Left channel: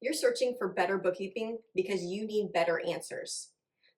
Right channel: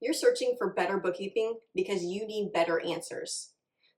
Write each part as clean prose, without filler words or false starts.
You're searching for better bookkeeping because you need better answers.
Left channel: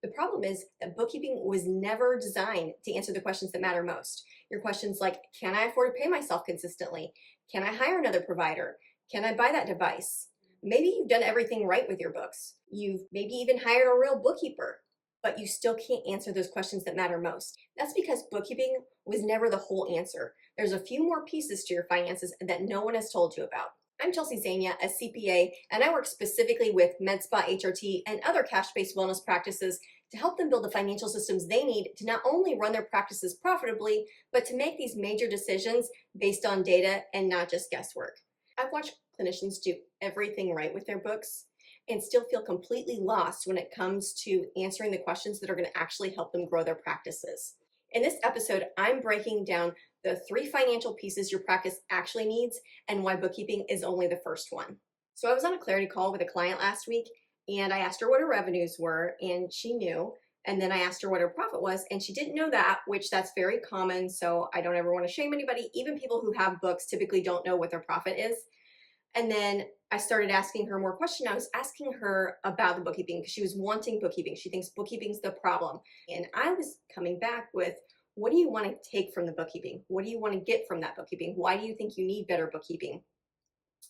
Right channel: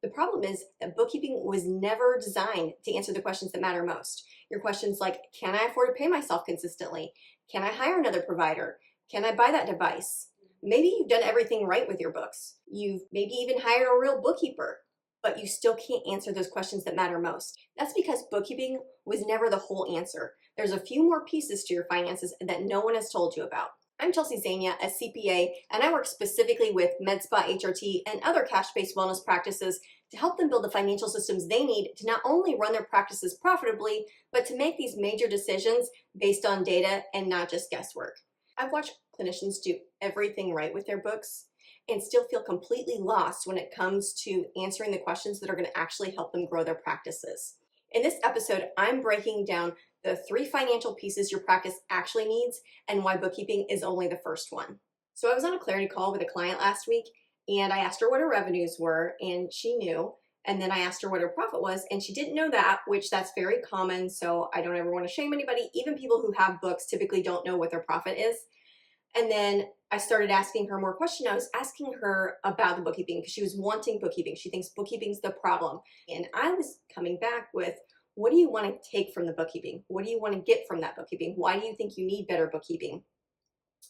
The problem is that bookkeeping was never designed to answer the questions that matter most. Your questions like, can I afford to pay myself consistently? Can I hire another provider? Can I buy that device? Maybe you've done everything right with your books. You've maybe even hired a real bookkeeper, but you still can't answer those questions that matter most. That's because bookkeeping was never the whole answer. There's a few more pieces to your finances that no one has told you about. I'm Chelsea Zania, a CPA, and I work specifically with medspa, HRT, and other cash-based wellness practices to help them build the financial systems they need to not only run their practices profitably, but to make these major decisions based on data and not just guesswork. I've watched clinicians do everything right with their books and still feel completely lost when it comes to answering the questions that are going to actually help them grow their practices. In this episode, I'm breaking down the 3 financial pieces your practice actually needs and why bookkeeping is only the first one. So I was on a clarity call with a client last week and I asked her what her revenues were and she knew. And then I asked her what her profit was and she didn't know that, which that's very common. So I don't ever want to shame anybody. Even people who have books typically don't know what their profit is. And then I started asking her more questions. I was asking her about the bookkeeping because she was wanting bookkeeping. She thinks bookkeeping's the problem. And I was coming back with, what do you want to take from the bookkeeping? What do you want to get from that bookkeeping? Why do you think you need better bookkeeping?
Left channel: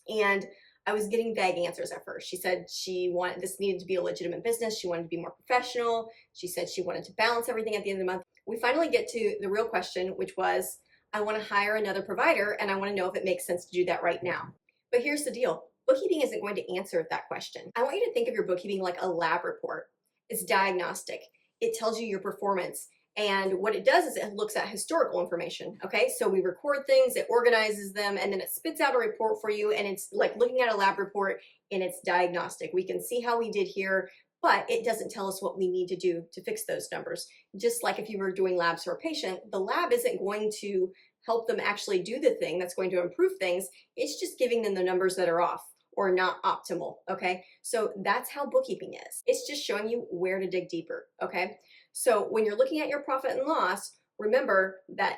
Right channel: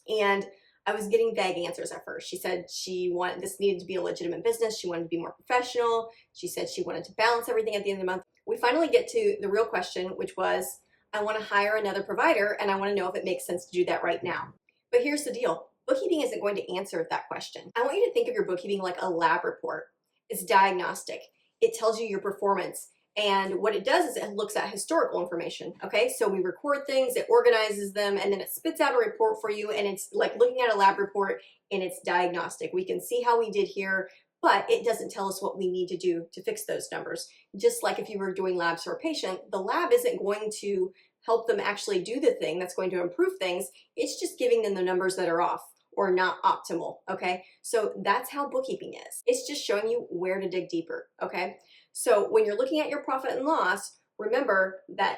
And I was getting vague answers at first. She said this needed to be a legitimate business. She wanted to be more professional. She said she wanted to balance everything at the end of the month. We finally get to the real question, which was, I want to hire another provider and I want to know if it makes sense to do that right now. But here's the deal. Bookkeeping isn't going to answer that question. I want you to think of your bookkeeping like a lab report. It's diagnostic. It tells you your performance. And what it does is it looks at historical information, okay? So we record things, it organizes them, and then it spits out a report for you, and it's like looking at a lab report, and it's diagnostic. We can see how we did here, but it doesn't tell us what we need to do to fix those numbers. Just like if you were doing labs for a patient, the lab isn't going to help them actually do the thing that's going to improve things. It's just giving them the numbers that are off or not optimal, okay? So that's how bookkeeping is. It's just showing you where to dig deeper, okay? So when you're looking at your profit and loss, remember that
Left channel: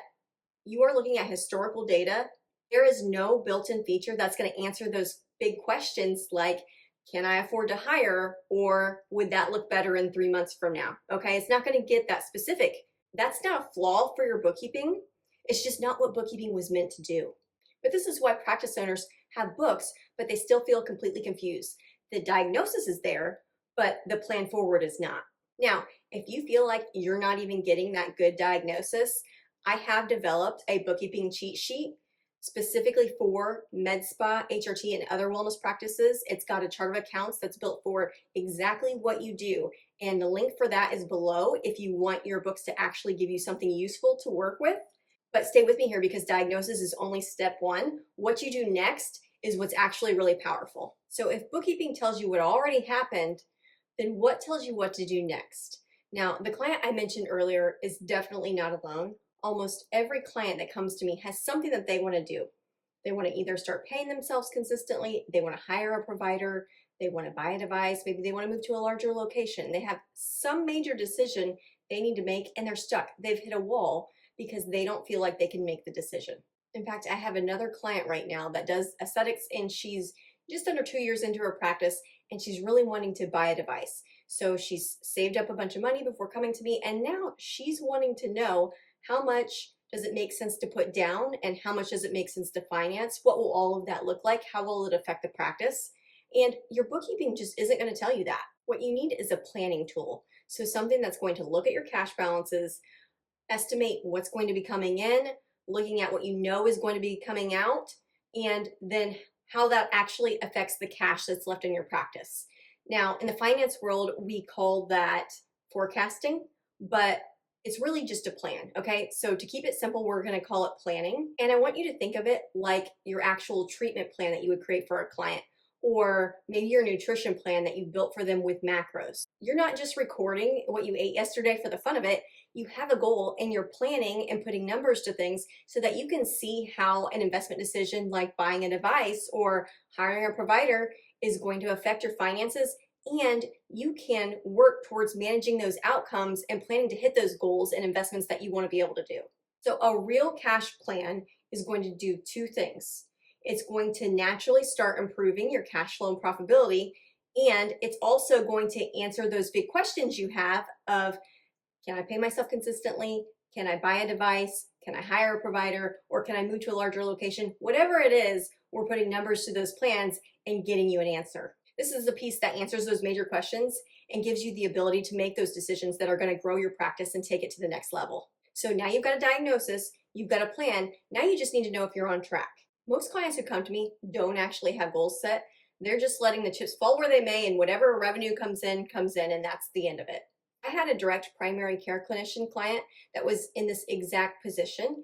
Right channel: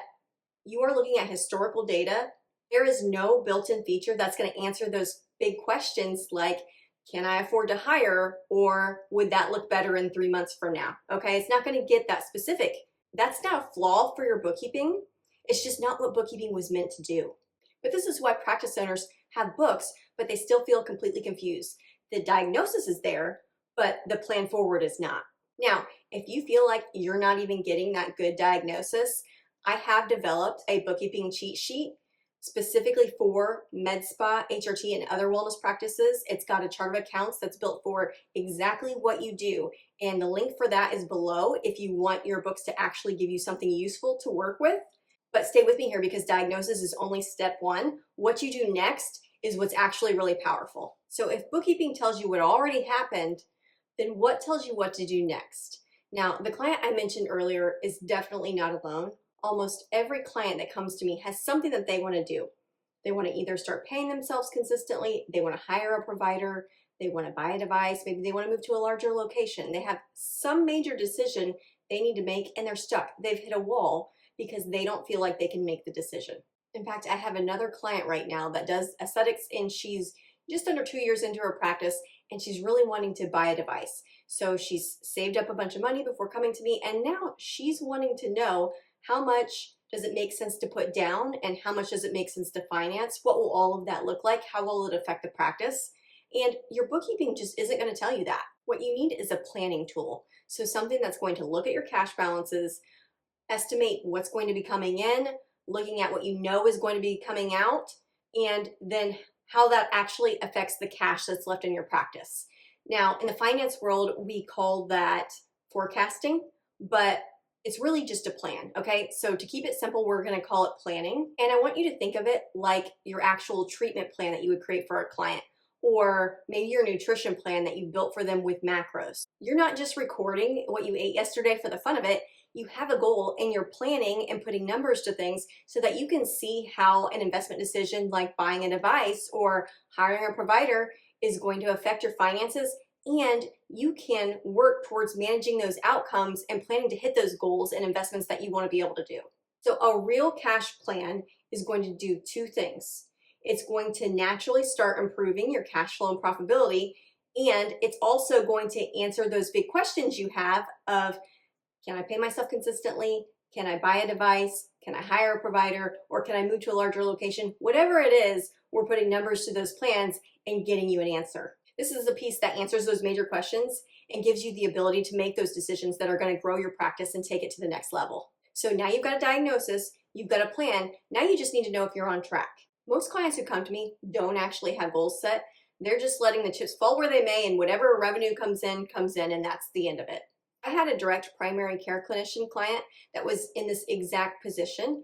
you are looking at historical data. There is no built-in feature that's going to answer those big questions like, can I afford to hire, or would that look better in 3 months from now? Okay, it's not going to get that specific. That's not a flaw for your bookkeeping. It's just not what bookkeeping was meant to do. But this is why practice owners have books, but they still feel completely confused. The diagnosis is there, but the plan forward is not. Now, if you feel like you're not even getting that good diagnosis, I have developed a bookkeeping cheat sheet specifically for medspa, HRT, and other wellness practices. It's got a chart of accounts that's built for exactly what you do. And the link for that is below if you want your books to actually give you something useful to work with. But stay with me here because diagnosis is only step 1. What you do next is what's actually really powerful. So if bookkeeping tells you what already happened, then what tells you what to do next? Now, the client I mentioned earlier is definitely not alone. Almost every client that comes to me has something that they want to do. They want to either start paying themselves consistently, they want to hire a provider, they want to buy a device, maybe they want to move to a larger location. They have some major decision they need to make and they're stuck. They've hit a wall because they don't feel like they can make the decision. In fact, I have another client right now that does aesthetics and she's just under 2 years into her practice and she's really wanting to buy a device. So she's saved up a bunch of money before coming to me and now she's wanting to know how much does it make sense to put down and how much does it make sense to finance? What will all of that look like? How will it affect the practice? And your bookkeeping just isn't going to tell you that. What you need is a planning tool. So something that's going to look at your cash balances, estimate what's going to be coming in, looking at what you know is going to be coming out, and then how that actually affects the cash that's left in your practice. Now, in the finance world, we call that forecasting, but it's really just a plan, okay? So to keep it simple, we're gonna call it planning. And I want you to think of it like your actual treatment plan that you would create for a client, or maybe your nutrition plan that you built for them with macros. You're not just recording what you ate yesterday for the fun of it. You have a goal and you're planning and putting numbers to things so that you can see how an investment decision like buying a device or hiring a provider is going to affect your finances, and you can work towards managing those outcomes and planning to hit those goals and investments that you want to be able to do. So a real cash plan is going to do 2 things. It's going to naturally start improving your cash flow and profitability. And it's also going to answer those big questions you have of, can I pay myself consistently? Can I buy a device? Can I hire a provider? Or can I move to a larger location? Whatever it is, we're putting numbers to those plans and getting you an answer. This is the piece that answers those major questions and gives you the ability to make those decisions that are going to grow your practice and take it to the next level. So now you've got a diagnosis, you've got a plan, now you just need to know if you're on track. Most clients who come to me don't actually have goals set. They're just letting the chips fall where they may, and whatever revenue comes in, and that's the end of it. I had a direct primary care clinician client that was in this exact position.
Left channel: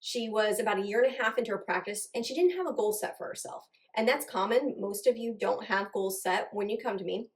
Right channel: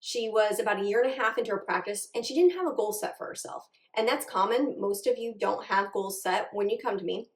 She was about a year and a half into her practice, and she didn't have a goal set for herself. And that's common. Most of you don't have goals set when you come to me.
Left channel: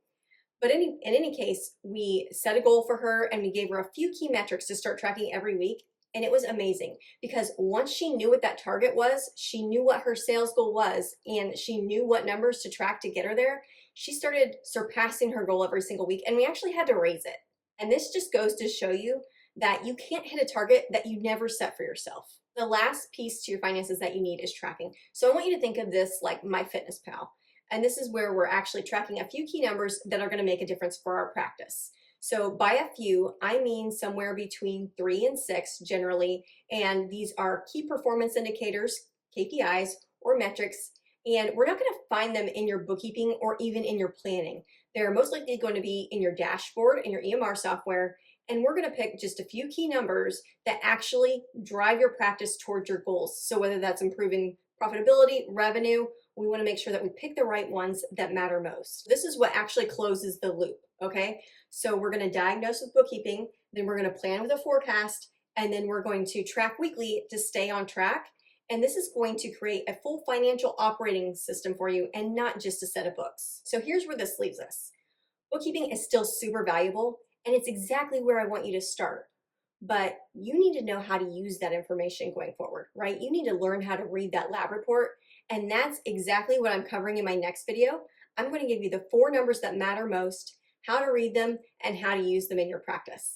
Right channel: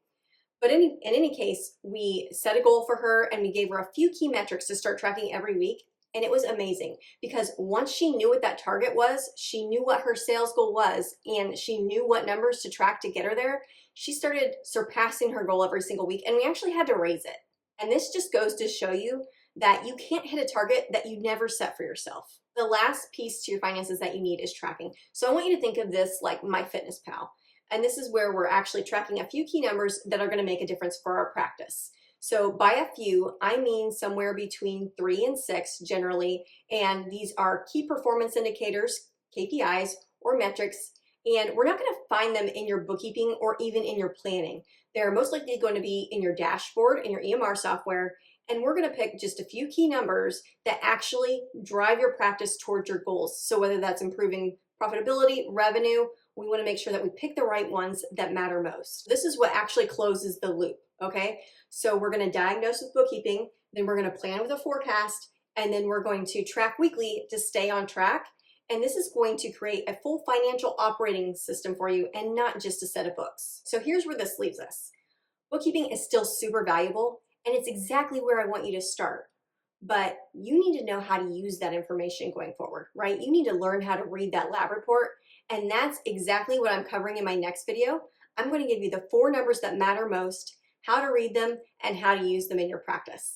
But in any case, we set a goal for her and we gave her a few key metrics to start tracking every week. And it was amazing because once she knew what that target was, she knew what her sales goal was, and she knew what numbers to track to get her there, she started surpassing her goal every single week, and we actually had to raise it. And this just goes to show you that you can't hit a target that you never set for yourself. The last piece to your finances that you need is tracking. So I want you to think of this like MyFitnessPal. And this is where we're actually tracking a few key numbers that are going to make a difference for our practice. So by a few, I mean somewhere between 3 and 6 generally. And these are key performance indicators, KPIs, or metrics. And we're not going to find them in your bookkeeping or even in your planning. They're most likely going to be in your dashboard, in your EMR software. And we're going to pick just a few key numbers that actually drive your practice towards your goals. So whether that's improving profitability, revenue, we want to make sure that we pick the right ones that matter most. This is what actually closes the loop, okay? So we're going to diagnose with bookkeeping, then we're going to plan with a forecast, and then we're going to track weekly to stay on track. And this is going to create a full financial operating system for you and not just a set of books. So here's where this leaves us. Bookkeeping is still super valuable, and it's exactly where I want you to start. But you need to know how to use that information going forward, right? You need to learn how to read that lab report. And that's exactly what I'm covering in my next video. I'm going to give you the 4 numbers that matter most, how to read them, and how to use them in your practice.